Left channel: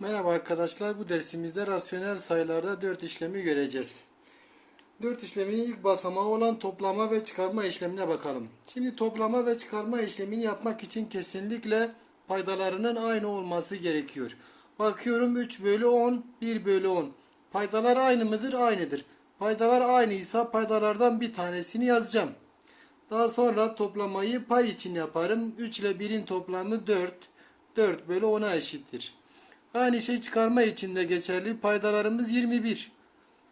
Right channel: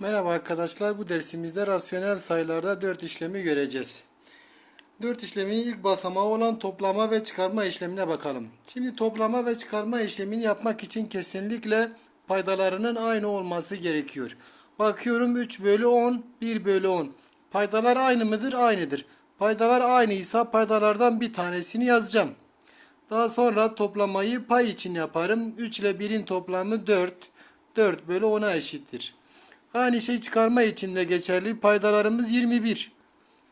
Merhaba arkadaşlar. Bu dersimizde rasyonel sayılarda 4 işlemi göreceğiz. 4 işlemin ilk basamağı olan toplama ve çıkarma işlemine bakalım. Şimdi toplama ve çıkarma işlemini yapmak için kesinlikle paydalarının aynı olması gerekiyor. Bakıyorum 3 bölü 10, 1 bölü 10. Paydalar aynı mıdır? Aynıdır. Paydalar aynıysa paydalardan bir tanesini yazacağım. Daha sonra toplamayı pay için yaparım. 3 ile 1'in toplamı 4. 4 bölü 10'a eşittir. Aynı şey çıkarma için de geçerli. Paydalarımız 21.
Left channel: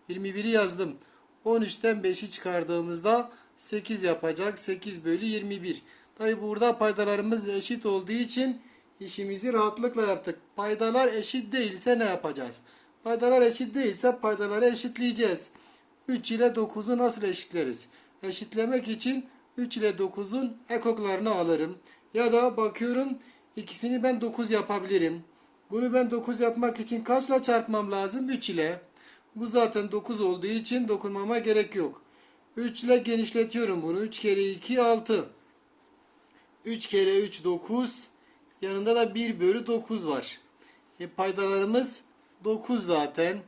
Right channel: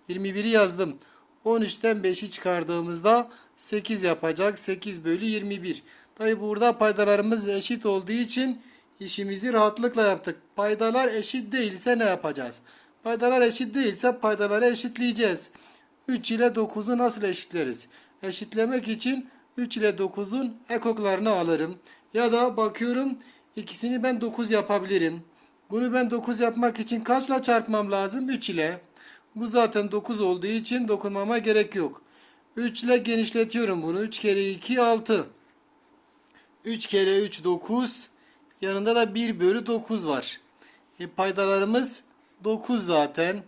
21'i yazdım. 13'ten 5'i çıkardığımızda 8 yapacak. 8 bölü 21. Tabi burada paydalarımız eşit olduğu için işimizi rahatlıkla yaptık. Paydalar eşit değilse ne yapacağız? Paydalar eşit değilse paydaları eşitleyeceğiz. 3 ile 9'u nasıl eşitleriz? Eşitlemek için 3 ile 9'un ekoklarını alırım. Ya da bakıyorum ikisini ben 9 yapabilirim. Bunu ben 9 yapmak için kaçla çarpmam lazım? 3 ile. Bu zaten 9 olduğu için dokunmama gerek yok. 3 ile genişletiyorum bunu. 3 kere 2 6. 3 kere 3 9. Yanında da 1 bölü 9 var. E, paydalarımız 9 zaten.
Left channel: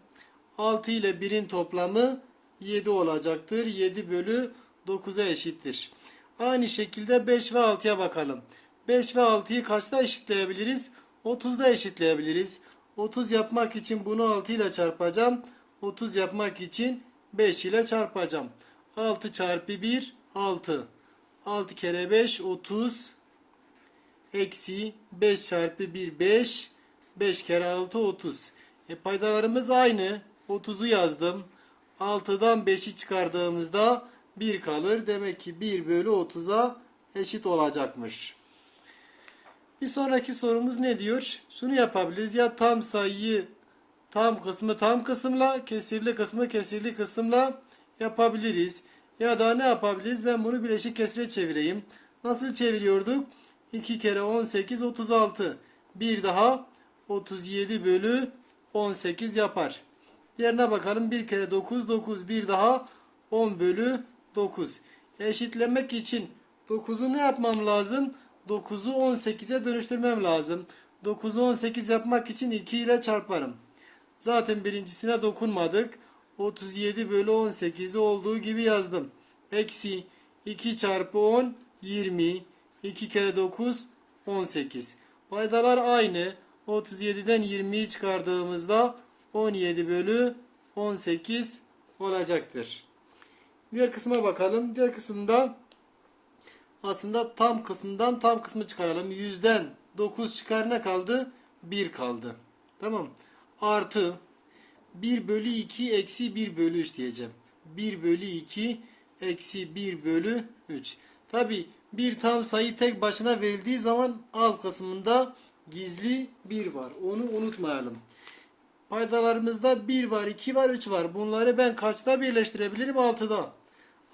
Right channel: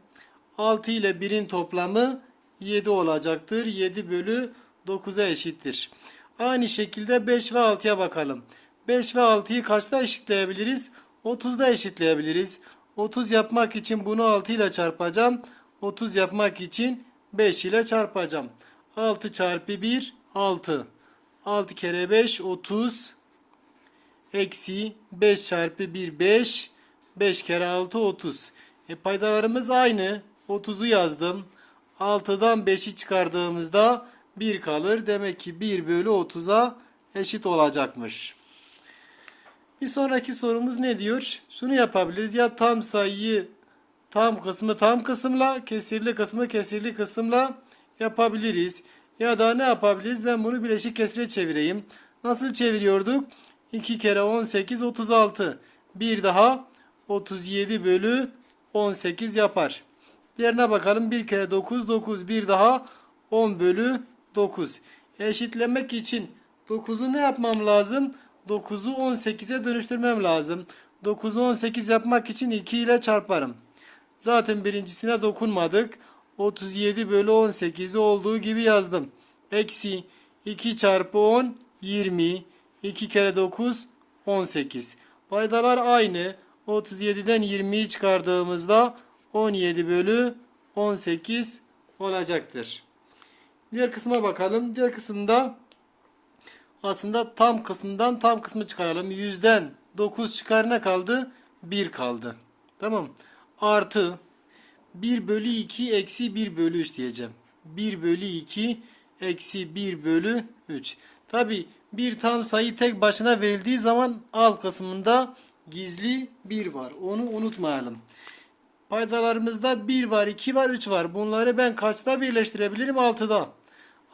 6 ile 1'in toplamı 7 olacaktır. 7 bölü 9'a eşittir. Aynı şekilde 5 ve 6'ya bakalım. 5 ve 6'yı kaçta eşitleyebiliriz? 30'da eşitleyebiliriz. 30 yapmak için bunu 6 ile çarpacağım. 30 yapmak için 5 ile çarpacağım. 6 çarpı 1 6. 6 kere 5 30. Eksi 5 çarpı 1 5. 5 kere 6 30. E paydalarımız aynı. 30'u yazdım. 6'dan 5'i çıkardığımızda 1 kalır. Demek ki 1 bölü 30'a eşit olacakmış. Bir sonraki sorumuz ne diyor? Şunu yapabiliriz. Ya tam sayıyı tam kısmı tam kısımla, kesirli kısmı kesirli kısımla yapabiliriz. Ya da ne yapabiliriz? Ben bunu bileşik kesire çevireyim. Nasıl çeviriyorduk? 2 kere 18 36. Bir daha 37 bölü 18 yapar. Diğerine bakalım. 1 kere 9 9. Bir daha 10 bölü 9. Eşitlemek için 9'u ne yapmam lazım? 9'u 18'e dönüştürmem lazım. 9'u 18 yapmak için 2 ile çarparım. Zaten birincisine dokunmadık. 37 bölü 18'i olduğu gibi yazdım. Eksi 2 çarpı 10 20. 2 kere 9 18. Paydalar aynı. 37'den 20'yi çıkardığımızda 17 bölü 18 olacaktır. Diğer kısma bakalım. Diğer kısımda aslında tam kısmından tam kısmı çıkaralım. Yüzden 9 çıkar ne kaldı? 1 kaldı. Tamam. Artı 1 bölü 2 eksi 1 bölü 3 diyeceğim. 1 bölü 2 eksi 1 bölü 3. Tabi bir tam sayı tek başına verildiği zaman alt kısmında gizli 1 var. Onu unutmayalım. Paydalarımızda 1 var, 2 var, 3 var. Bunları ben kaçta birleştirebilirim? 6'da.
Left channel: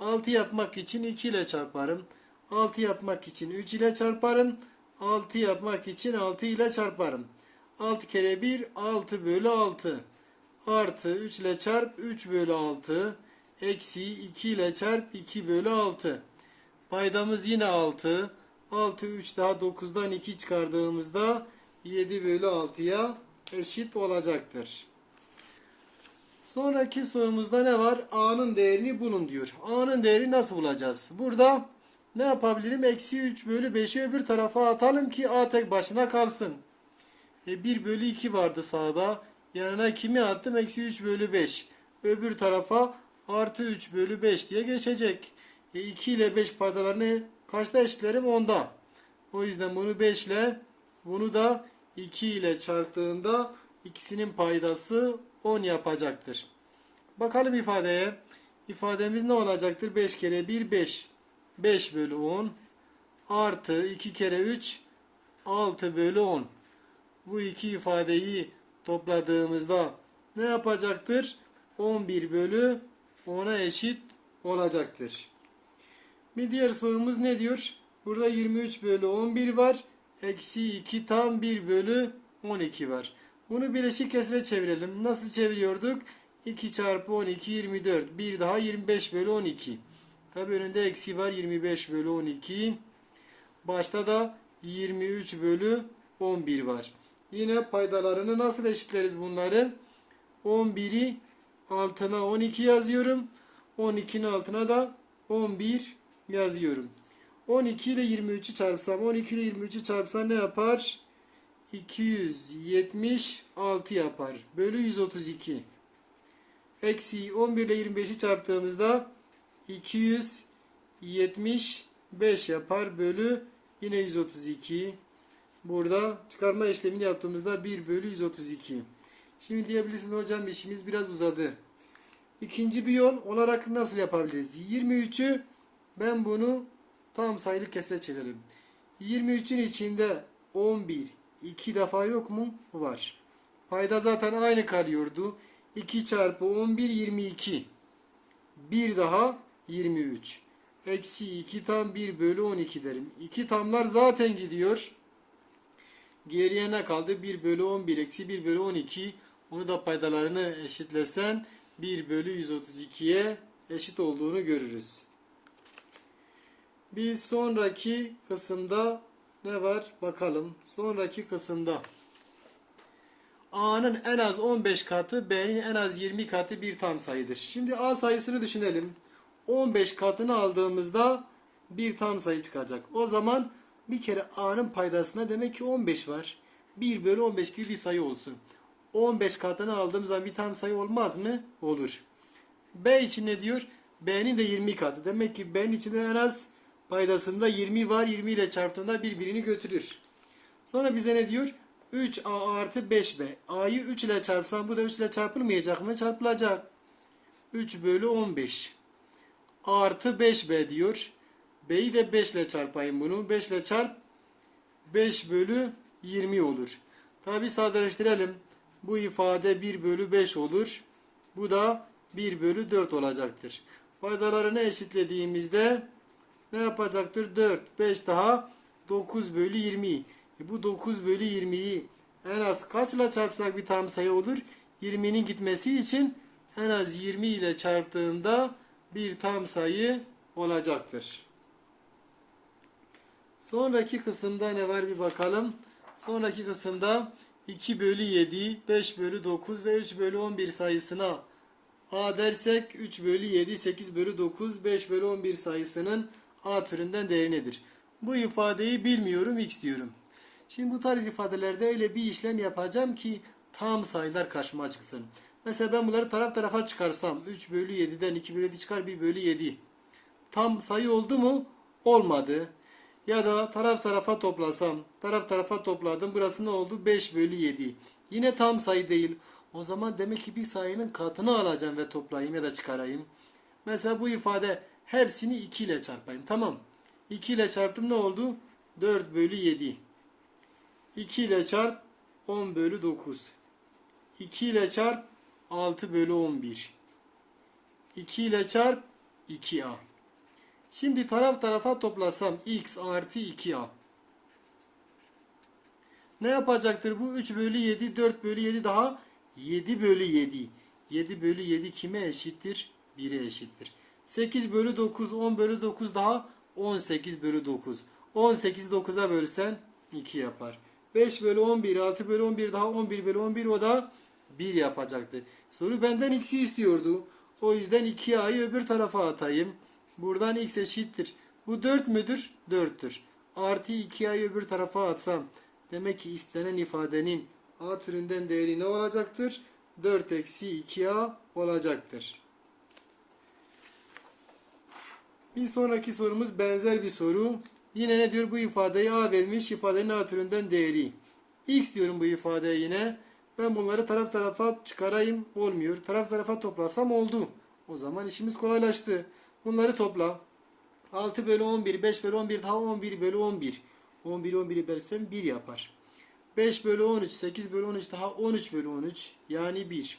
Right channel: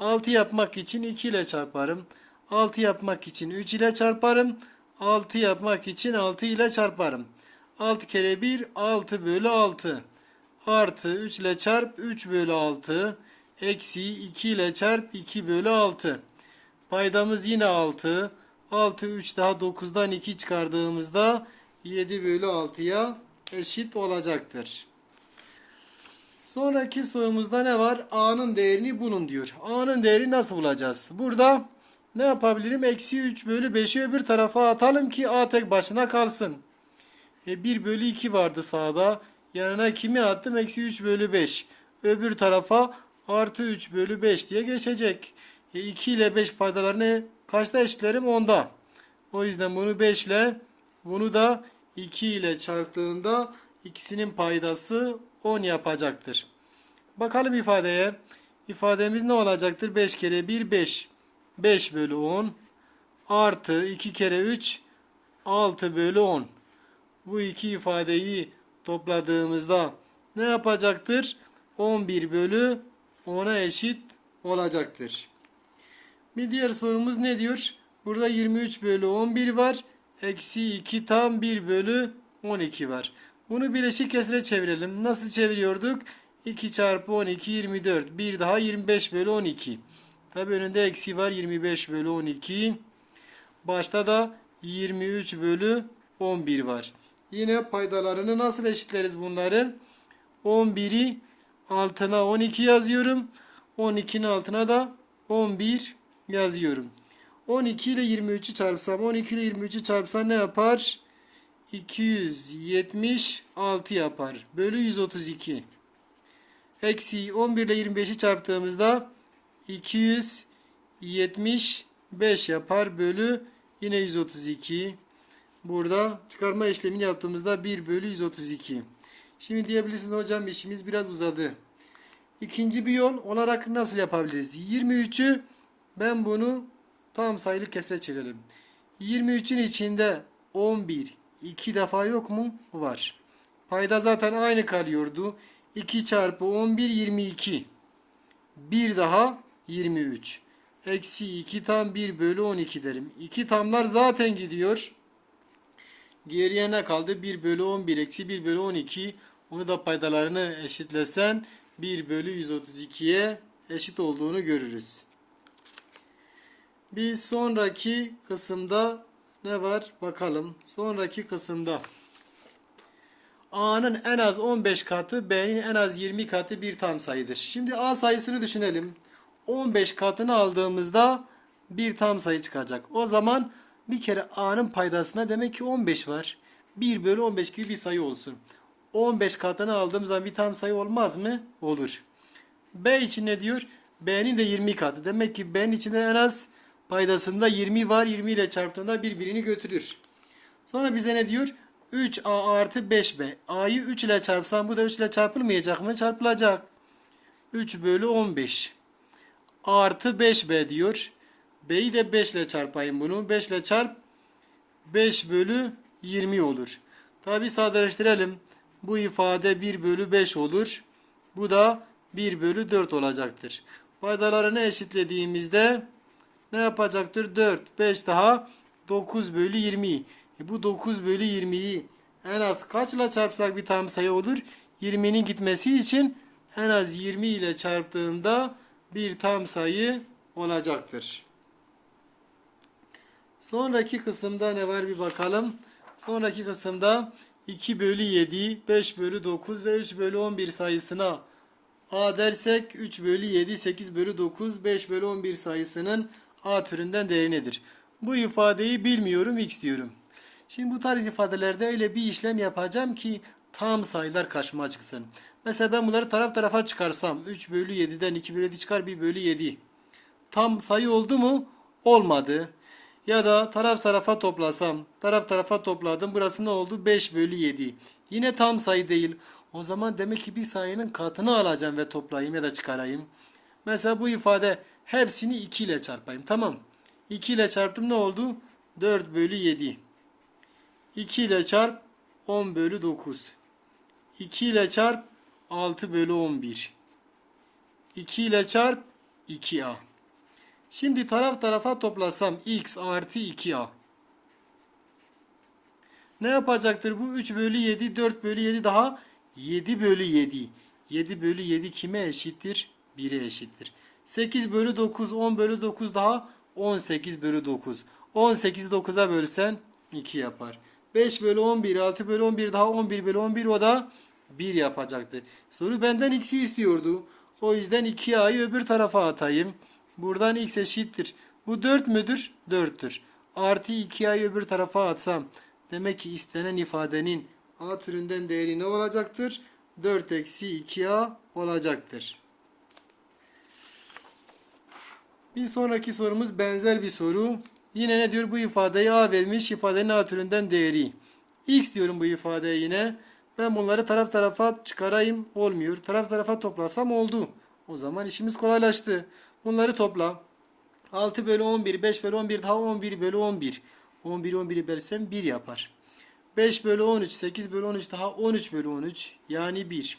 6 yapmak için 2 ile çarparım. 6 yapmak için 3 ile çarparım. 6 yapmak için 6 ile çarparım. 6 kere 1 6 bölü 6. Artı 3 ile çarp 3 bölü 6. Eksi 2 ile çarp 2 bölü 6. Paydamız yine 6. 6 3 daha 9'dan 2 çıkardığımızda 7 bölü 6'ya eşit olacaktır. Sonraki sorumuzda ne var? A'nın değerini bulun diyor. A'nın değeri nasıl bulacağız? Burada ne yapabilirim? Eksi 3 bölü 5'i öbür tarafa atalım ki A tek başına kalsın. E 1 bölü 2 vardı sağda. Yanına kimi attım? Eksi 3 bölü 5. Öbür tarafa artı 3 bölü 5 diye geçecek. E 2 ile 5 paydalarını kaçta eşitlerim? 10'da. O yüzden bunu 5 ile bunu da 2 ile çarptığında ikisinin paydası 10 yapacaktır. Bakalım ifadeye. İfademiz ne olacaktır? 5 kere 1 5. 5 bölü 10 artı 2 kere 3 6 bölü 10. Bu iki ifadeyi topladığımızda ne yapacaktır? 11 bölü 10'a eşit olacaktır. Bir diğer sorumuz ne diyor? Burada 23 bölü 11 var. Eksi 2 tam 1 bölü 12 var. Bunu bileşik kesire çevirelim. Nasıl çeviriyorduk? 2 çarpı 12 24. Bir daha 25 bölü 12. Tabi önünde eksi var 25 bölü 12. Başta da 23 bölü 11 var. Yine paydalarını nasıl eşitleriz bunların? 11'i altına 12 yazıyorum. 12'nin altına da 11 yazıyorum. 12 ile 23'ü çarpsam 12 ile 23'ü çarpsam ne yapar? 276 yapar. Bölü 132. Eksi 11 ile 25'i çarptığımızda 275 yapar. Bölü yine 132. Burada çıkarma işlemini yaptığımızda 1 bölü 132. Şimdi diyebilirsiniz hocam işimiz biraz uzadı. İkinci bir yol olarak nasıl yapabiliriz? 23'ü ben bunu tam sayılı kesre çevirelim. 23'ün içinde 11 iki defa yok mu? Var. Payda zaten aynı kalıyordu. 2 çarpı 11 22. Bir daha 23. Eksi 2 tam 1 bölü 12 derim. 2 tamlar zaten gidiyor. Geriye ne kaldı? 1 bölü 11 eksi 1 bölü 12. Onu da paydalarını eşitlesen 1 bölü 132'ye eşit olduğunu görürüz. Bir sonraki kısımda ne var bakalım. Sonraki kısımda A'nın en az 15 katı B'nin en az 20 katı bir tam sayıdır. Şimdi A sayısını düşünelim. 15 katını aldığımızda bir tam sayı çıkacak. O zaman bir kere A'nın paydasına demek ki 15 var. 1 bölü 15 gibi bir sayı olsun. 15 katını aldığım zaman bir tam sayı olmaz mı? Olur. B için ne diyor? B'nin de 20 katı. Demek ki B'nin içinde en az paydasında 20 var. 20 ile çarptığında birbirini götürür. Sonra bize ne diyor? 3A artı 5B. A'yı 3 ile çarpsam bu da 3 ile çarpılmayacak mı? Çarpılacak. 3 bölü 15. Artı 5B diyor. B'yi de 5 ile çarpayım bunu. 5 ile çarp 5 bölü 20 olur. Tabi sadeleştirelim. Bu ifade 1 bölü 5 olur. Bu da 1 bölü 4 olacaktır. Paydalarını eşitlediğimizde ne yapacaktır? 4, 5 daha 9 bölü 20. E bu 9 bölü 20'yi en az kaçla çarpsak bir tam sayı olur? 20'nin gitmesi için en az 20 ile çarptığında bir tam sayı olacaktır. Sonraki kısımda ne var bir bakalım. Sonraki kısımda 2 bölü 7, 5 bölü 9 ve 3 bölü 11 sayısına A dersek 3 bölü 7, 8 bölü 9, 5 bölü 11 sayısının A türünden değeri nedir? Bu ifadeyi bilmiyorum x diyorum. Şimdi bu tarz ifadelerde öyle bir işlem yapacağım ki tam sayılar karşıma çıksın. Mesela ben bunları taraf tarafa çıkarsam 3 bölü 7'den 2 bölü 7 çıkar 1 bölü 7. Tam sayı oldu mu? Olmadı. Ya da taraf tarafa toplasam. Taraf tarafa topladım. Burası ne oldu? 5 bölü 7. Yine tam sayı değil. O zaman demek ki bir sayının katını alacağım ve toplayayım ya da çıkarayım. Mesela bu ifade hepsini 2 ile çarpayım. Tamam. 2 ile çarptım ne oldu? 4 bölü 7. 2 ile çarp 10 bölü 9. 2 ile çarp 6 bölü 11. 2 ile çarp 2a. Şimdi taraf tarafa toplasam x artı 2a. Ne yapacaktır bu? 3 bölü 7, 4 bölü 7 daha 7 bölü 7. 7 bölü 7 kime eşittir? 1'e eşittir. 8 bölü 9, 10 bölü 9 daha 18 bölü 9. 18'i 9'a bölsen 2 yapar. 5 bölü 11, 6 bölü 11 daha 11 bölü 11 o da 1 yapacaktır. Soru benden x'i istiyordu. O yüzden 2a'yı öbür tarafa atayım. Buradan x eşittir. Bu 4 müdür? 4'tür. Artı 2a'yı öbür tarafa atsam. Demek ki istenen ifadenin a türünden değeri ne olacaktır? 4 eksi 2a olacaktır. Bir sonraki sorumuz benzer bir soru. Yine ne diyor bu ifadeyi a vermiş ifadenin a türünden değeri. x diyorum bu ifadeye yine. Ben bunları taraf tarafa çıkarayım olmuyor. Taraf tarafa toplasam oldu. O zaman işimiz kolaylaştı. Bunları topla. 6 bölü 11, 5 bölü 11 daha 11 bölü 11. 11 11'i bölsem 1 yapar. 5 bölü 13, 8 bölü 13 daha 13 bölü 13 yani 1.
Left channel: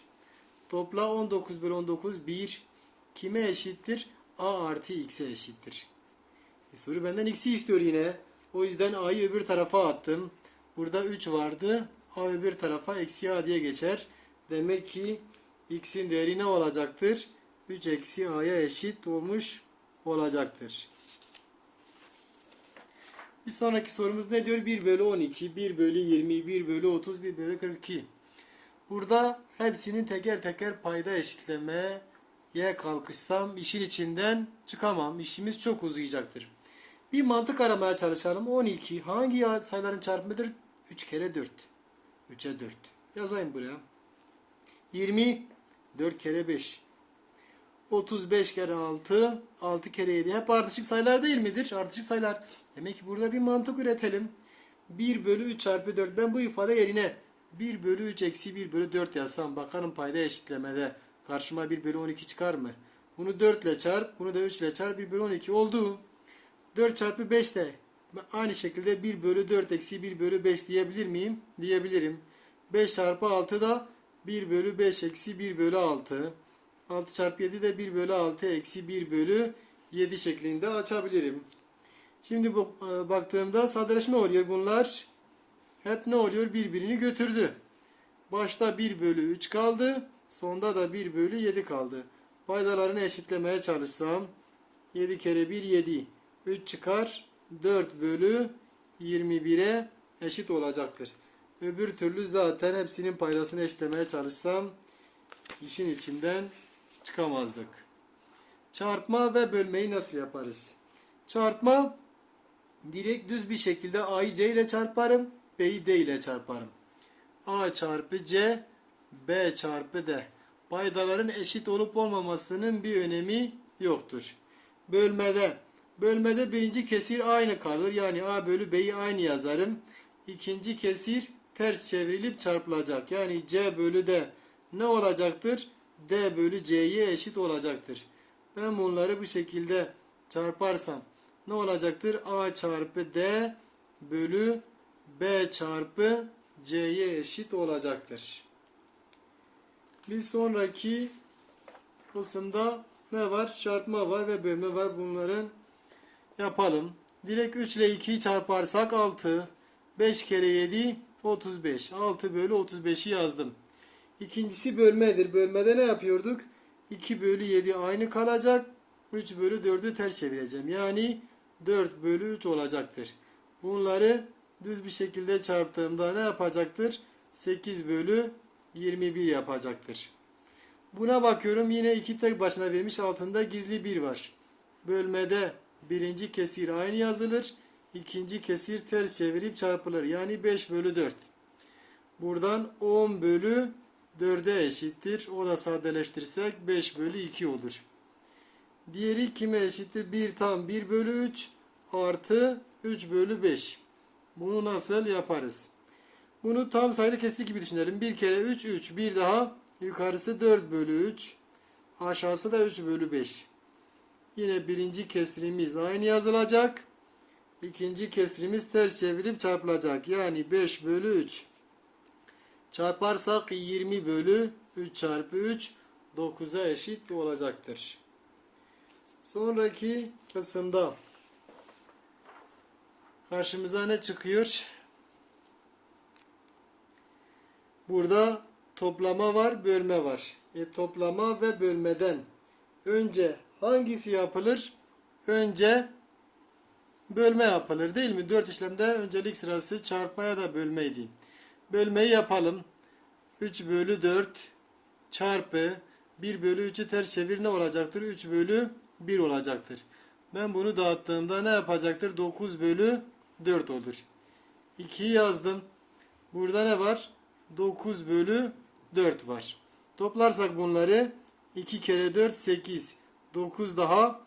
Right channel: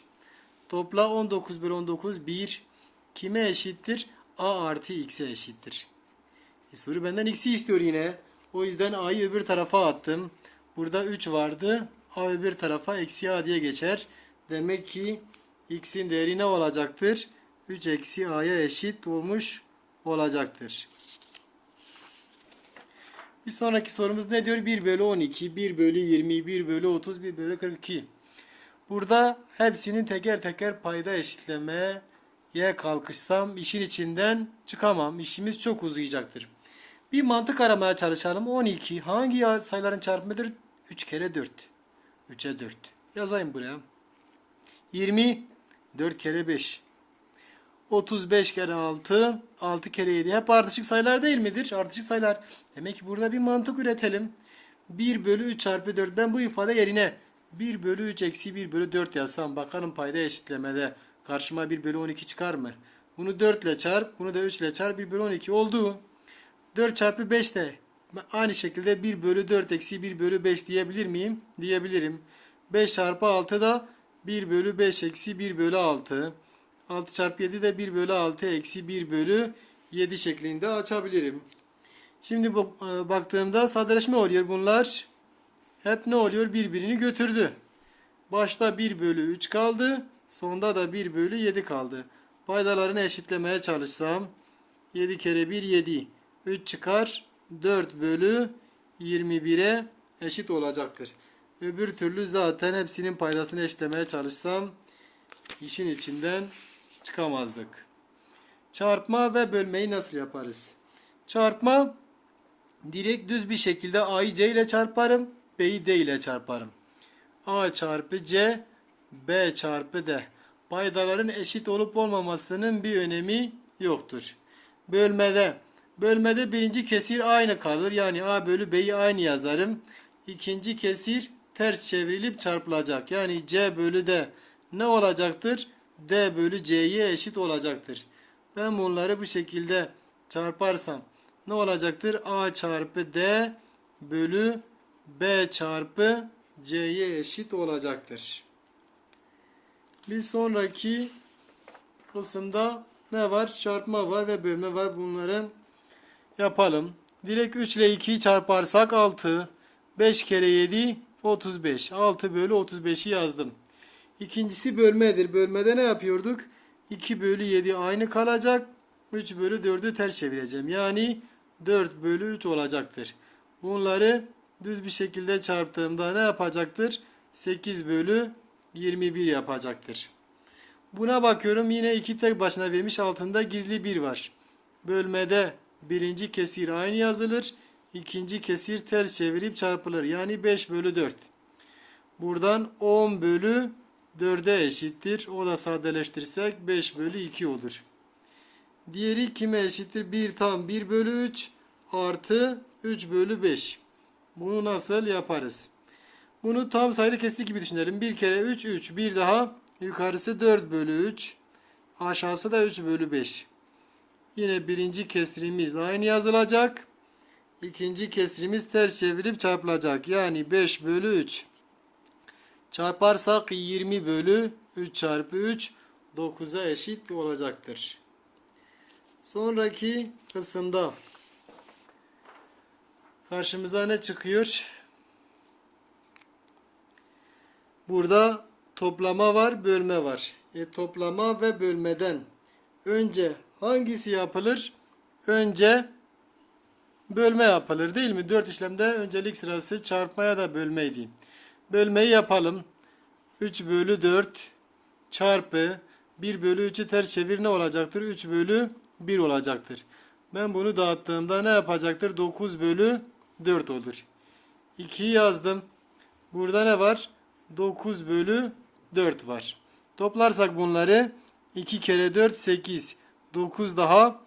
Topla 19 bölü 19 1. Kime eşittir? A artı x'e eşittir. E soru benden x'i istiyor yine. O yüzden a'yı öbür tarafa attım. Burada 3 vardı. A öbür tarafa eksi a diye geçer. Demek ki x'in değeri ne olacaktır? 3 eksi a'ya eşit olmuş olacaktır. Bir sonraki sorumuz ne diyor? 1 bölü 12, 1 bölü 20, 1 bölü 30, 1 bölü 42. Burada hepsinin teker teker payda eşitlemeye kalkışsam işin içinden çıkamam. İşimiz çok uzayacaktır. Bir mantık aramaya çalışalım. 12 hangi sayıların çarpımıdır? 3 kere 4. 3'e 4. Yazayım buraya. 20 4 kere 5. 35 kere 6, 6 kere 7. Hep ardışık sayılar değil midir? Ardışık sayılar. Demek ki burada bir mantık üretelim. 1 bölü 3 çarpı 4. Ben bu ifade yerine 1 bölü 3 eksi 1 bölü 4 yazsam bakalım payda eşitlemede karşıma 1 bölü 12 çıkar mı? Bunu 4 ile çarp, bunu da 3 ile çarp 1 bölü 12 oldu. 4 çarpı 5 de aynı şekilde 1 bölü 4 eksi 1 bölü 5 diyebilir miyim? Diyebilirim. 5 çarpı 6 da 1 bölü 5 eksi 1 bölü 6. 6 çarpı 7 de 1 bölü 6 eksi 1 bölü 7 şeklinde açabilirim. Şimdi e, baktığımda sadeleşme oluyor bunlar. Hep ne oluyor? Birbirini götürdü. Başta 1 bölü 3 kaldı. Sonda da 1 bölü 7 kaldı. Paydalarını eşitlemeye çalışsam 7 kere 1 7. 3 çıkar. 4 bölü 21'e eşit olacaktır. Öbür türlü zaten hepsinin paydasını eşitlemeye çalışsam işin içinden çıkamazdık. Çarpma ve bölmeyi nasıl yaparız? Çarpma direkt düz bir şekilde A'yı C ile çarparım, B'yi D ile çarparım. A çarpı C, B çarpı D. Paydaların eşit olup olmamasının bir önemi yoktur. Bölmede, bölmede birinci kesir aynı kalır. Yani A bölü B'yi aynı yazarım. İkinci kesir ters çevrilip çarpılacak. Yani C bölü D ne olacaktır? D bölü C'ye eşit olacaktır. Ben bunları bu şekilde çarparsam ne olacaktır? A çarpı D bölü B çarpı C'ye eşit olacaktır. Bir sonraki kısımda ne var? Çarpma var ve bölme var. Bunları yapalım. Direkt 3 ile 2'yi çarparsak 6. 5 kere 7 35. 6 bölü 35'i yazdım. İkincisi bölmedir. Bölmede ne yapıyorduk? 2 bölü 7 aynı kalacak. 3 bölü 4'ü ters çevireceğim. Yani 4 bölü 3 olacaktır. Bunları düz bir şekilde çarptığımda ne yapacaktır? 8 bölü 21 yapacaktır. Buna bakıyorum yine iki tek başına vermiş altında gizli bir var. Bölmede birinci kesir aynı yazılır. ikinci kesir ters çevirip çarpılır. Yani 5 bölü 4. Buradan 10 bölü 4'e eşittir. O da sadeleştirsek 5 bölü 2 olur. Diğeri kime eşittir? 1 tam 1 bölü 3 artı 3 bölü 5. Bunu nasıl yaparız? Bunu tam sayılı kesir gibi düşünelim. 1 kere 3 3. Bir daha yukarısı 4 bölü 3. Aşağısı da 3 bölü 5. Yine birinci kesrimiz aynı yazılacak. İkinci kesrimiz ters çevirip çarpılacak. Yani 5 bölü 3. Çarparsak 20 bölü 3 çarpı 3 9'a eşit olacaktır. Sonraki kısımda karşımıza ne çıkıyor? Burada toplama var, bölme var. E, toplama ve bölmeden önce hangisi yapılır? Önce bölme yapılır değil mi? Dört işlemde öncelik sırası çarpmaya da bölmeydi. Bölmeyi yapalım. 3 bölü 4 çarpı 1 bölü 3'ü ters çevir ne olacaktır? 3 bölü 1 olacaktır. Ben bunu dağıttığımda ne yapacaktır? 9 bölü 4 olur. 2'yi yazdım. Burada ne var? 9 bölü 4 var. Toplarsak bunları 2 kere 4 8. 9 daha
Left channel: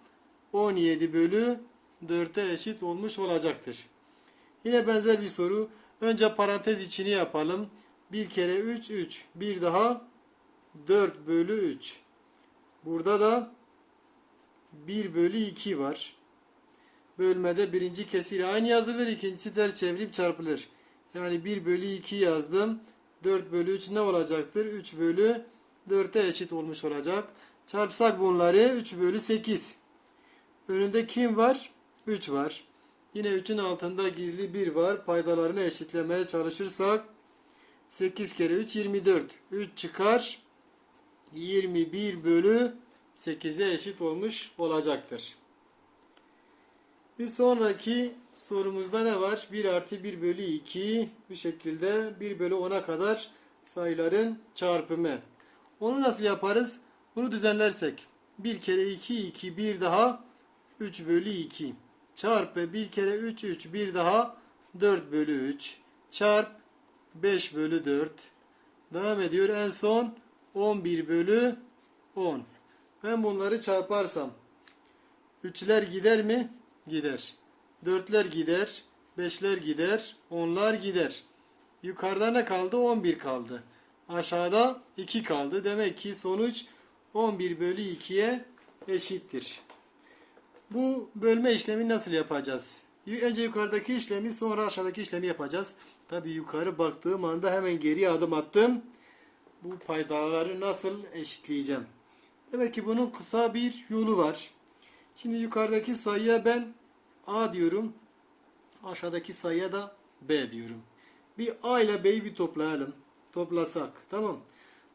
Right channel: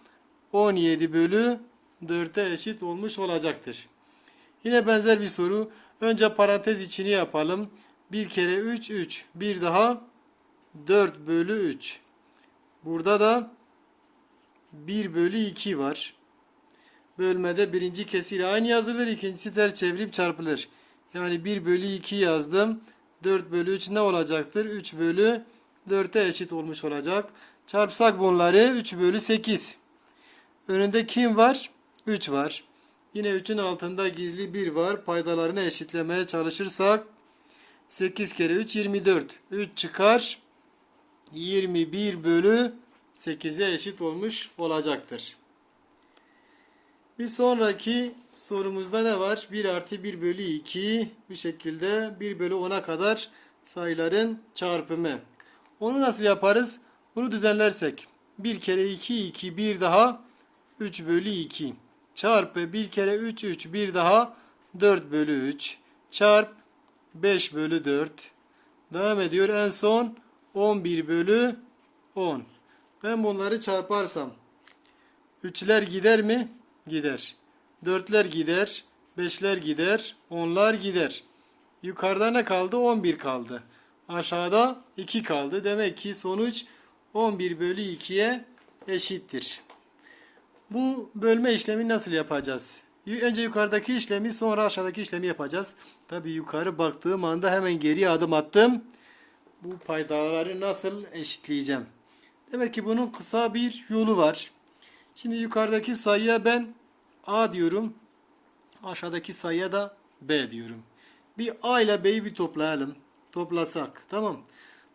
17 bölü 4'e eşit olmuş olacaktır. Yine benzer bir soru. Önce parantez içini yapalım. 1 kere 3 3. Bir daha 4 bölü 3. Burada da 1 bölü 2 var. Bölmede birinci kesir aynı yazılır. ikincisi ters çevirip çarpılır. Yani 1 bölü 2 yazdım. 4 bölü 3 ne olacaktır? 3 bölü 4'e eşit olmuş olacak. Çarpsak bunları 3 bölü 8. Önünde kim var? 3 var. Yine 3'ün altında gizli 1 var. Paydalarını eşitlemeye çalışırsak 8 kere 3 24. 3 çıkar. 21 bölü 8'e eşit olmuş olacaktır. Bir sonraki sorumuzda ne var? 1 artı 1 bölü 2 bu şekilde 1 bölü 10'a kadar sayıların çarpımı. Onu nasıl yaparız? Bunu düzenlersek 1 kere 2 2 bir daha 3 bölü 2 çarpı 1 kere 3 3 bir daha 4 bölü 3 çarp 5 bölü 4 devam ediyor en son 11 bölü 10 ben bunları çarparsam Üçler gider mi? Gider. Dörtler gider. Beşler gider. Onlar gider. Yukarıda ne kaldı? 11 kaldı. Aşağıda 2 kaldı. Demek ki sonuç 11 bölü 2'ye eşittir. Bu bölme işlemi nasıl yapacağız? Önce yukarıdaki işlemi sonra aşağıdaki işlemi yapacağız. Tabi yukarı baktığım anda hemen geri adım attım. Bu paydaları nasıl eşitleyeceğim? Demek ki bunun kısa bir yolu var. Şimdi yukarıdaki sayıya ben A diyorum. Aşağıdaki sayıya da B diyorum. Bir A ile B'yi bir toplayalım. Toplasak. Tamam.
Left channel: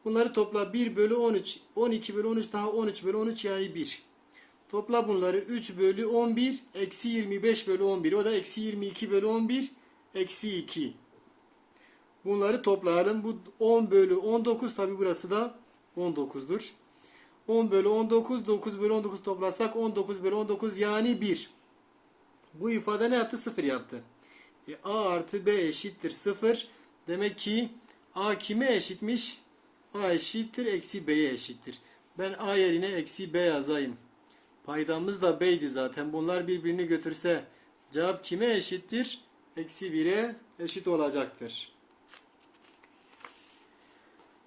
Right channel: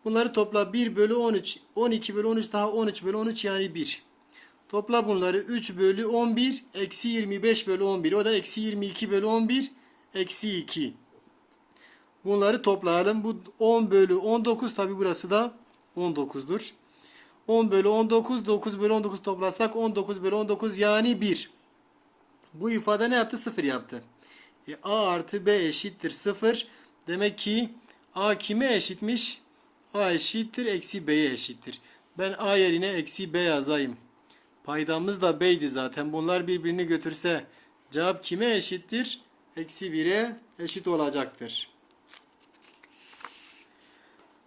Bunları topla 1 bölü 13. 12 bölü 13 daha 13 bölü 13 yani 1. Topla bunları 3 bölü 11. Eksi 25 bölü 11. O da eksi 22 bölü 11. Eksi 2. Bunları toplayalım. Bu 10 bölü 19 tabi burası da 19'dur. 10 bölü 19, 9 bölü 19 toplasak 19 bölü 19 yani 1. Bu ifade ne yaptı? 0 yaptı. E, A artı B eşittir 0. Demek ki A kime eşitmiş? A eşittir eksi B'ye eşittir. Ben A yerine eksi B yazayım. Paydamız da B'ydi zaten. Bunlar birbirini götürse cevap kime eşittir? Eksi 1'e eşit olacaktır.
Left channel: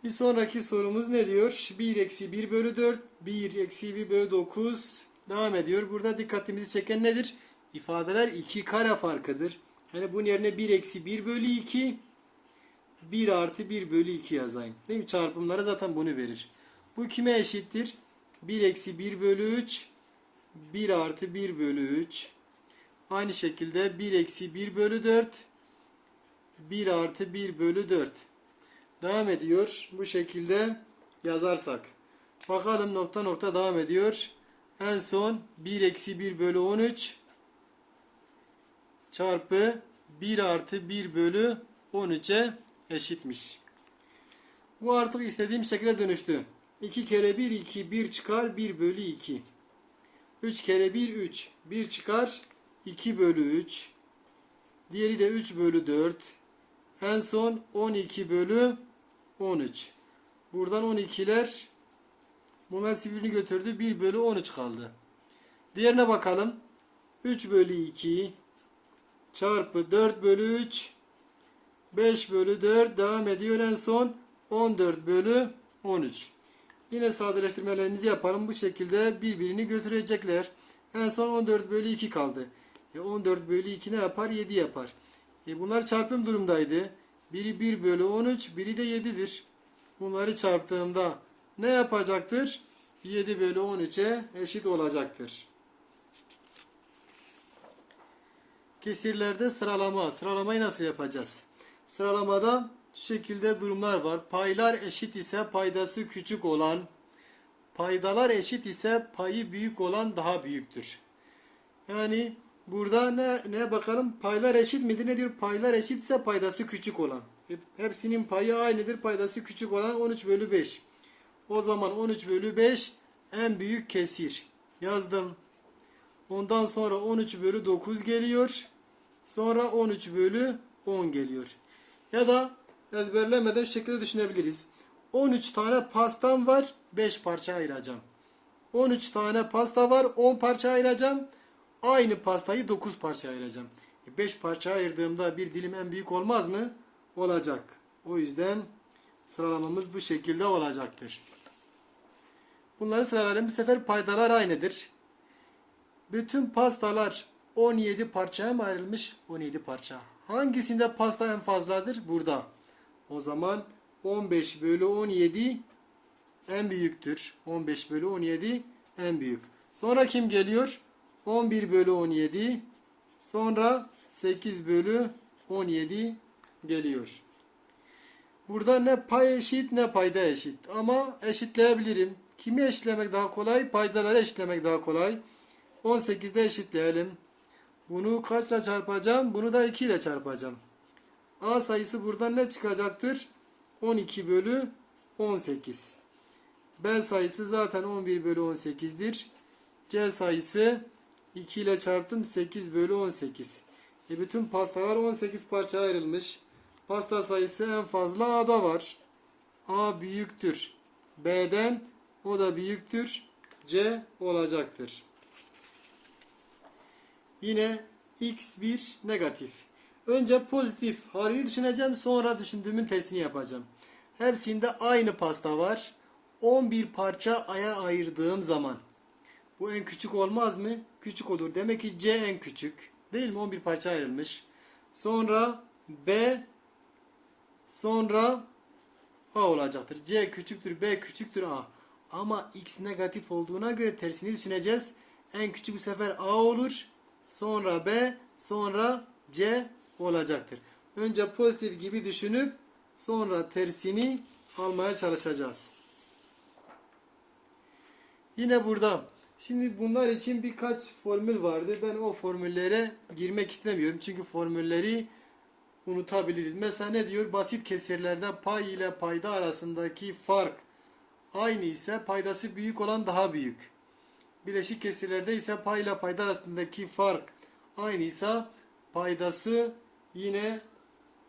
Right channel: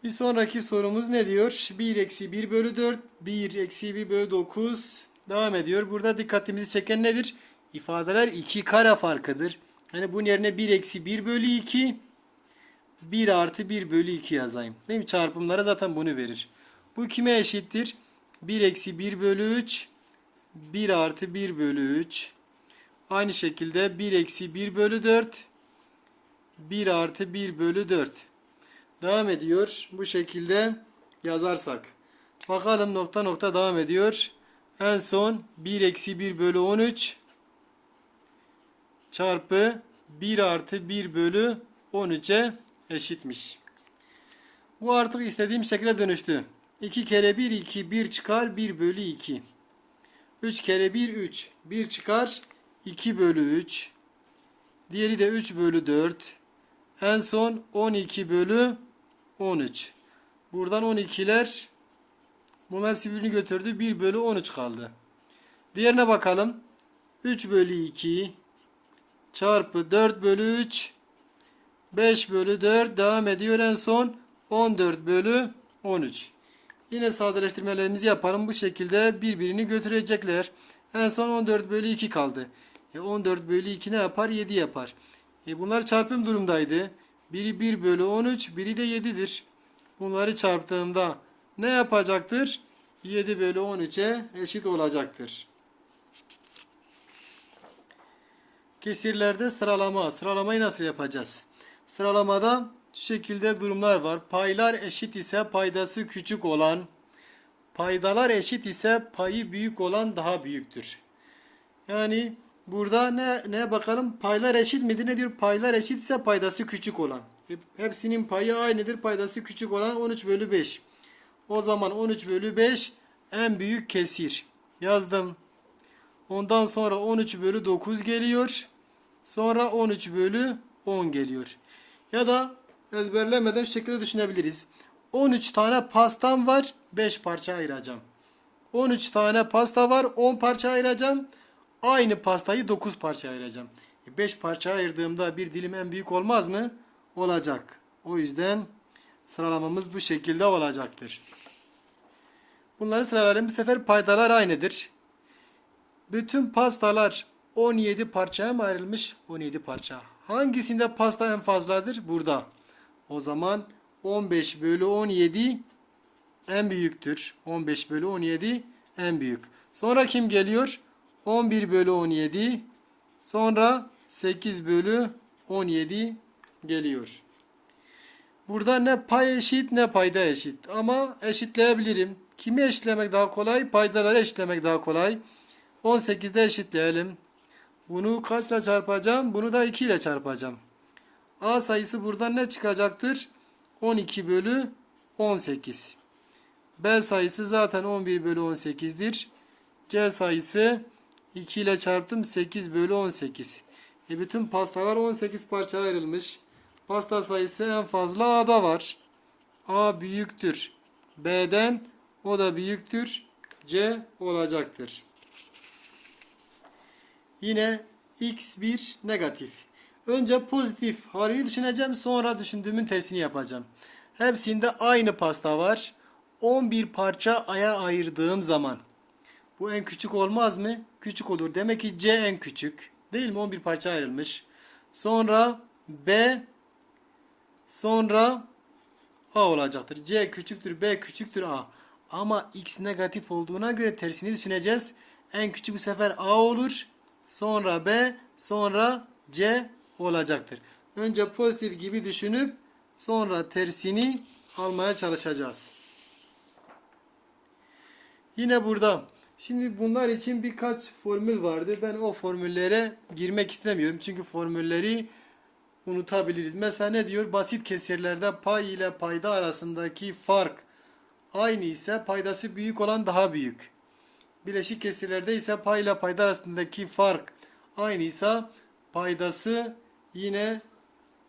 Bir sonraki sorumuz ne diyor? 1 eksi 1 bölü 4, 1 eksi 1 bölü 9 devam ediyor. Burada dikkatimizi çeken nedir? İfadeler iki kare farkıdır. Yani bunun yerine 1 eksi 1 bölü 2, 1 artı 1 bölü 2 yazayım. Değil mi? Çarpımlara zaten bunu verir. Bu kime eşittir? 1 eksi 1 bölü 3, 1 artı 1 bölü 3. Aynı şekilde 1 eksi 1 bölü 4, 1 artı 1 bölü 4. Devam ediyor. Bu şekilde yazarsak. Bakalım nokta nokta devam ediyor. En son 1 eksi 1 bölü 13 çarpı 1 artı 1 bölü 13'e eşitmiş. Bu artık istediğim şekilde dönüştü. 2 kere 1 2 1 çıkar 1 bölü 2. 3 kere 1 3 1 çıkar 2 bölü 3. Diğeri de 3 bölü 4. En son 12 bölü 13. Buradan 12'ler bunun hepsi birbirini götürdü. 1 bölü 13 kaldı. Diğerine bakalım. 3 bölü 2 çarpı 4 bölü 3 5 bölü 4 devam ediyor. En son 14 bölü 13. Yine sadeleştirmelerimizi yapalım. Bu şekilde birbirini götürecekler. En son 14 bölü 2 kaldı. E 14 bölü 2 ne yapar? 7 yapar. E bunlar çarpım durumdaydı. Biri 1 bölü 13, biri de 7'dir. Bunları çarptığımda ne yapacaktır? 7 bölü 13'e eşit olacaktır. Kesirlerde sıralama. Sıralamayı nasıl yapacağız? Sıralamada şu şekilde durumlar var. Paylar eşit ise paydası küçük olan, paydalar eşit ise payı büyük olan daha büyüktür. Yani burada ne ne bakalım paylar eşit midir? Ne diyor? Paylar eşit ise paydası küçük olan. Hepsinin payı aynıdır. Paydası küçük olan 13 bölü 5. O zaman 13 bölü 5 en büyük kesir. Yazdım. Ondan sonra 13 bölü 9 geliyor. Sonra 13 bölü 10 geliyor. Ya da ezberlemeden şu şekilde düşünebiliriz. 13 tane pastam var. 5 parça ayıracağım. 13 tane pasta var. 10 parça ayıracağım. Aynı pastayı 9 parça ayıracağım. 5 parça ayırdığımda bir dilim en büyük olmaz mı? Olacak. O yüzden sıralamamız bu şekilde olacaktır. Bunları sıralayalım. Bu sefer paydalar aynıdır. Bütün pastalar 17 parçaya mı ayrılmış? 17 parça. Hangisinde pasta en fazladır? Burada. O zaman 15 bölü 17 en büyüktür. 15 bölü 17 en büyük. Sonra kim geliyor? 11 bölü 17. Sonra 8 bölü 17 geliyor. Burada ne pay eşit ne payda eşit. Ama eşitleyebilirim. Kimi eşitlemek daha kolay? Paydaları eşitlemek daha kolay. 18'de eşitleyelim. Bunu kaçla çarpacağım? Bunu da 2 ile çarpacağım. A sayısı buradan ne çıkacaktır? 12 bölü 18. B sayısı zaten 11 bölü 18'dir. C sayısı 2 ile çarptım 8 bölü 18. E bütün pastalar 18 parçaya ayrılmış. Pasta sayısı en fazla A'da var. A büyüktür. B'den o da büyüktür. C olacaktır. Yine x1 negatif. Önce pozitif haliyle düşüneceğim sonra düşündüğümün tersini yapacağım. Hepsinde aynı pasta var. 11 parça aya ayırdığım zaman. Bu en küçük olmaz mı? Küçük olur. Demek ki C en küçük. Değil mi? 11 parça ayrılmış. Sonra B sonra A olacaktır. C küçüktür, B küçüktür A. Ama X negatif olduğuna göre tersini düşüneceğiz. En küçük bu sefer A olur. Sonra B, sonra C olacaktır. Önce pozitif gibi düşünüp sonra tersini almaya çalışacağız. Yine burada. Şimdi bunlar için birkaç formül vardı. Ben o formüllere girmek istemiyorum. Çünkü formülleri unutabiliriz. Mesela ne diyor? Basit kesirlerde pay ile payda arasındaki fark aynı ise paydası büyük olan daha büyük. Bileşik kesirlerde ise pay ile payda arasındaki fark aynı ise paydası yine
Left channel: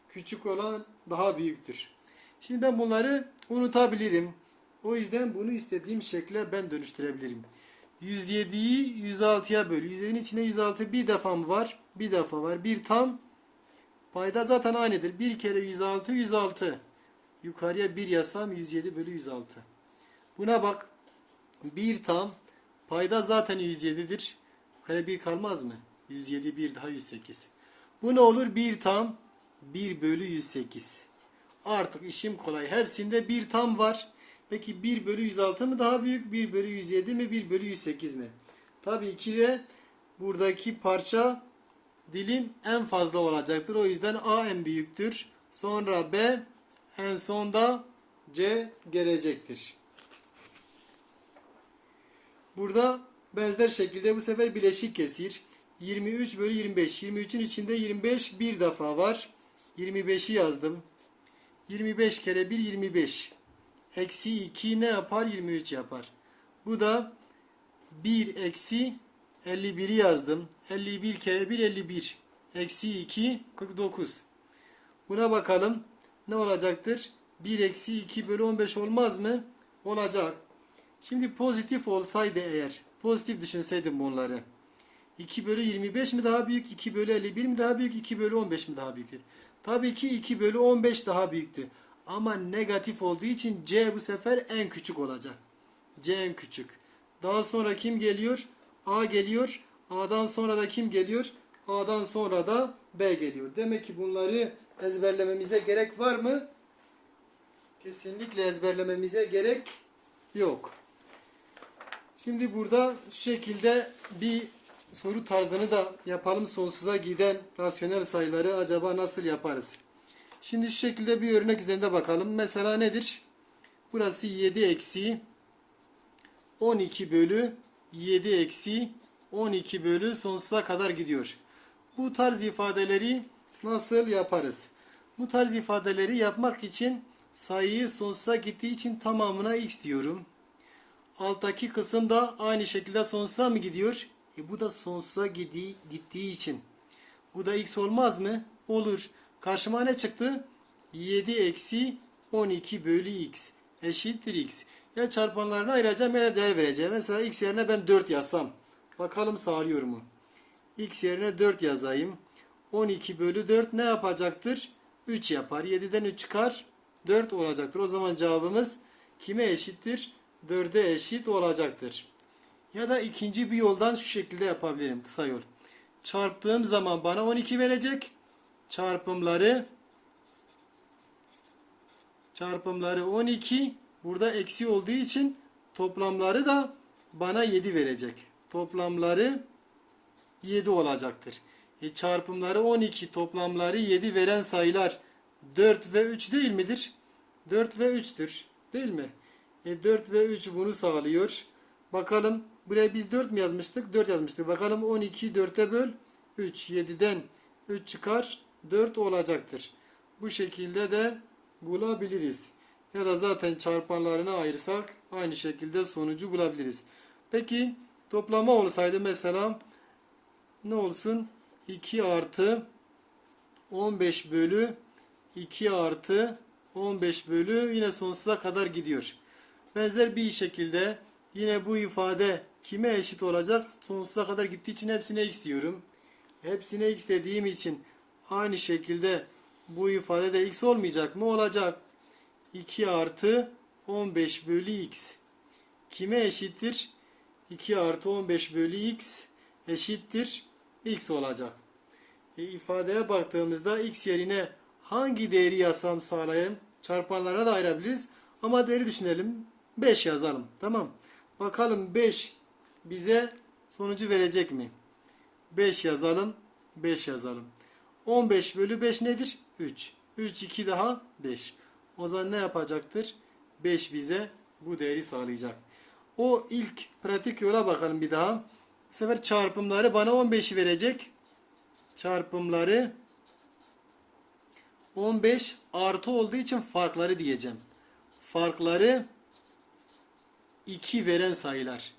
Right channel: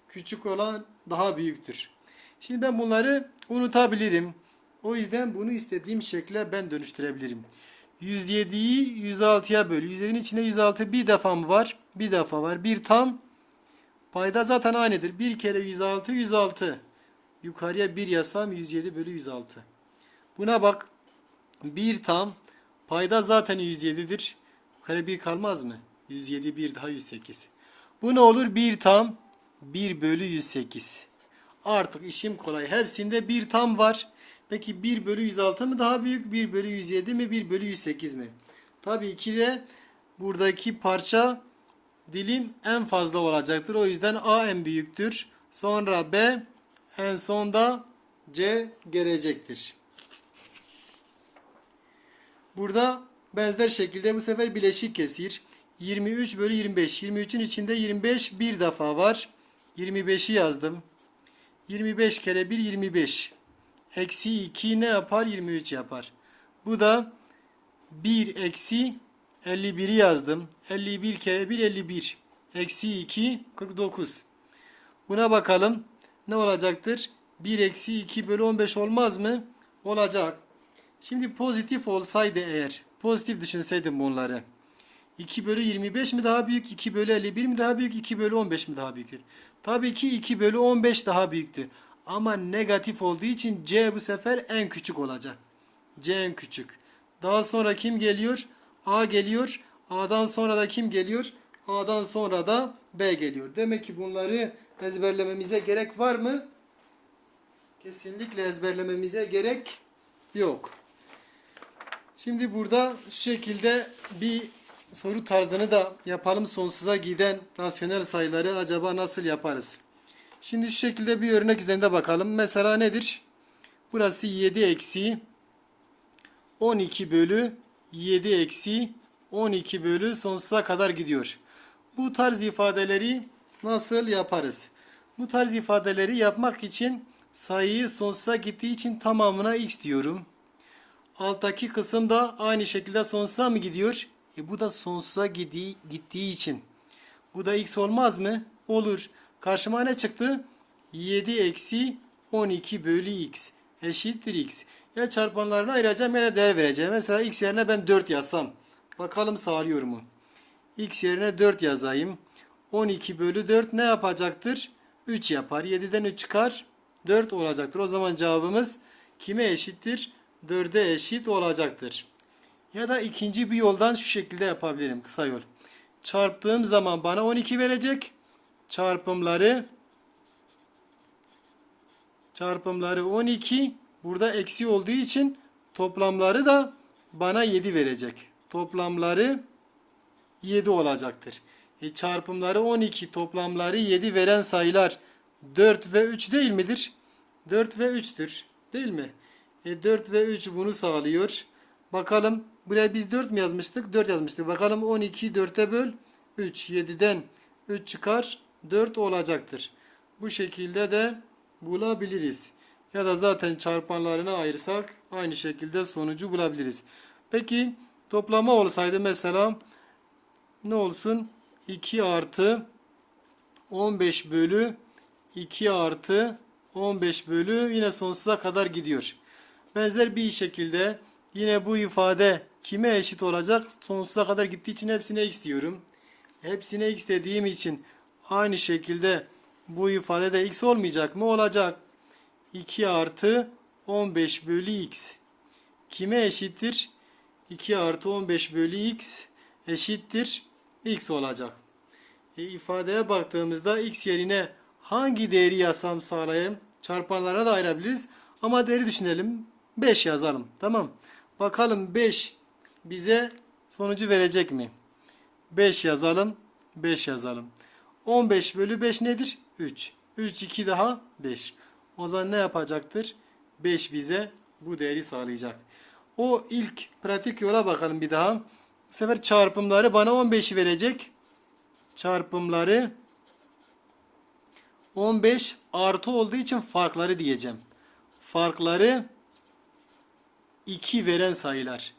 küçük olan daha büyüktür. Şimdi ben bunları unutabilirim. O yüzden bunu istediğim şekle ben dönüştürebilirim. 107'yi 106'ya böl. 107'nin içinde 106 bir defa mı var? Bir defa var. Bir tam Payda zaten aynıdır. 1 kere 106 106. Yukarıya 1 yazsam 107 bölü 106. Buna bak. 1 tam. Payda zaten 107'dir. Yukarı 1 kalmaz mı? 107 1 daha 108. Bu ne olur? 1 tam 1 bölü 108. Artık işim kolay. Hepsinde 1 tam var. Peki 1 bölü 106 mı daha büyük? 1 bölü 107 mi? 1 bölü 108 mi? Tabii ki de buradaki parça dilim en fazla olacaktır. O yüzden A en büyüktür. Sonra B en sonda C gelecektir. Burada benzer şekilde bu sefer bileşik kesir. 23 bölü 25. 23'ün içinde 25 bir defa var. 25'i yazdım. 25 kere 1 25. Eksi 2 ne yapar? 23 yapar. Bu da 1 eksi 51'i yazdım. 51 kere 1 51. Eksi 2 49. Buna bakalım. Ne olacaktır? 1 eksi 2 bölü 15 olmaz mı? Olacak. Şimdi pozitif olsaydı eğer. Pozitif düşünseydim bunları. 2 bölü 25 mi daha büyük? 2 bölü 51 mi daha büyük? 2 bölü 15 mi daha büyüktür? Tabii ki 2 bölü 15 daha büyüktü. Ama negatif olduğu için C bu sefer en küçük olacak. C en küçük. Daha sonra kim geliyor? A geliyor. A'dan sonra da kim geliyor? A'dan sonra da B geliyor. Demek ki bunları ezberlememize gerek var mı? Kesinlikle ezberlememize gerek yok. Şimdi burada şu şekilde bir soru tarzını da yapalım. Sonsuza giden rasyonel sayıları acaba nasıl yaparız? Şimdi şu şekilde bir örnek üzerinde bakalım. Mesela nedir? Burası 7 eksi 12 bölü 7 eksi 12 bölü sonsuza kadar gidiyor. Bu tarz ifadeleri nasıl yaparız? Bu tarz ifadeleri yapmak için sayıyı sonsuza gittiği için tamamına x diyorum. Alttaki kısım da aynı şekilde sonsuza mı gidiyor? E bu da sonsuza gittiği, gittiği için. Bu da x olmaz mı? Olur. Karşıma ne çıktı? 7 eksi 12 bölü x eşittir x. Ya çarpanlarını ayıracağım ya da değer vereceğim. Mesela x yerine ben 4 yazsam. Bakalım sağlıyor mu? x yerine 4 yazayım. 12 bölü 4 ne yapacaktır? 3 yapar. 7'den 3 çıkar. 4 olacaktır. O zaman cevabımız kime eşittir? 4'e eşit olacaktır. Ya da ikinci bir yoldan şu şekilde yapabilirim. Kısa yol. Çarptığım zaman bana 12 verecek. Çarpımları çarpımları 12 burada eksi olduğu için toplamları da bana 7 verecek. Toplamları 7 olacaktır. E çarpımları 12 toplamları 7 veren sayılar 4 ve 3 değil midir? 4 ve 3'tür. Değil mi? E 4 ve 3 bunu sağlıyor. Bakalım buraya biz 4 mi yazmıştık? 4 yazmıştık. Bakalım 12'yi 4'e böl. 3. 7'den 3 çıkar 4 olacaktır. Bu şekilde de bulabiliriz. Ya da zaten çarpanlarını ayırsak aynı şekilde sonucu bulabiliriz. Peki toplama olsaydı mesela ne olsun? 2 artı 15 bölü 2 artı 15 bölü yine sonsuza kadar gidiyor. Benzer bir şekilde yine bu ifade kime eşit olacak? Sonsuza kadar gittiği için hepsine x diyorum. Hepsine x dediğim için aynı şekilde bu ifade de x olmayacak mı? Olacak. 2 artı 15 bölü x. Kime eşittir? 2 artı 15 bölü x eşittir x olacak. E, ifadeye baktığımızda x yerine hangi değeri yazsam sağlayayım? Çarpanlara da ayırabiliriz. Ama değeri düşünelim. 5 yazalım. Tamam. Bakalım 5 bize sonucu verecek mi? 5 yazalım. 5 yazalım. 15 bölü 5 nedir? 3. 3 2 daha 5. O zaman ne yapacaktır? 5 bize bu değeri sağlayacak. O ilk pratik yola bakalım bir daha. Bu sefer çarpımları bana 15'i verecek. Çarpımları 15 artı olduğu için farkları diyeceğim. Farkları 2 veren sayılar.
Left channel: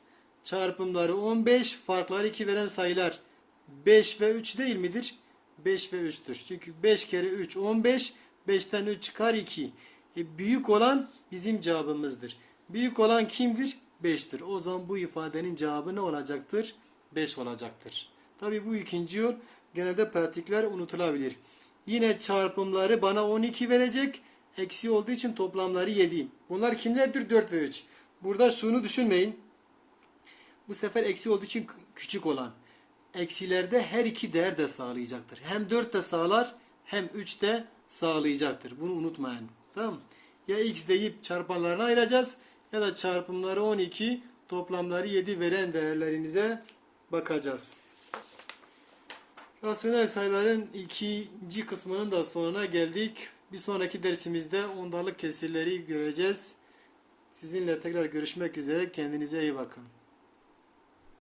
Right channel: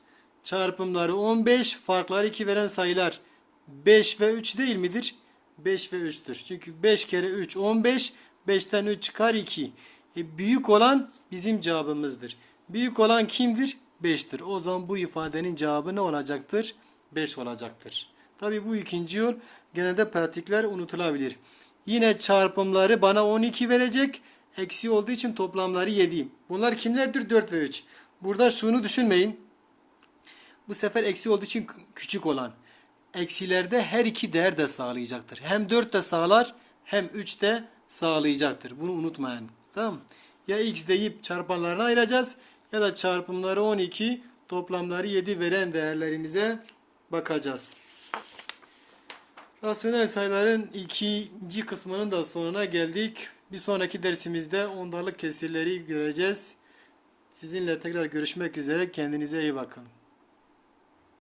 Çarpımları 15, farkları 2 veren sayılar 5 ve 3 değil midir? 5 ve 3'tür. Çünkü 5 kere 3 15, 5'ten 3 çıkar 2. E, büyük olan bizim cevabımızdır. Büyük olan kimdir? 5'tir. O zaman bu ifadenin cevabı ne olacaktır? 5 olacaktır. Tabi bu ikinci yol genelde pratikler unutulabilir. Yine çarpımları bana 12 verecek. Eksi olduğu için toplamları 7. Bunlar kimlerdir? 4 ve 3. Burada şunu düşünmeyin. Bu sefer eksi olduğu için küçük olan. Eksilerde her iki değer de sağlayacaktır. Hem 4 de sağlar hem 3 de sağlayacaktır. Bunu unutmayın. Tamam Ya x deyip çarpanlarına ayıracağız ya da çarpımları 12 toplamları 7 veren değerlerimize bakacağız. Rasyonel sayıların ikinci kısmının da sonuna geldik. Bir sonraki dersimizde ondalık kesirleri göreceğiz. Sizinle tekrar görüşmek üzere. Kendinize iyi bakın.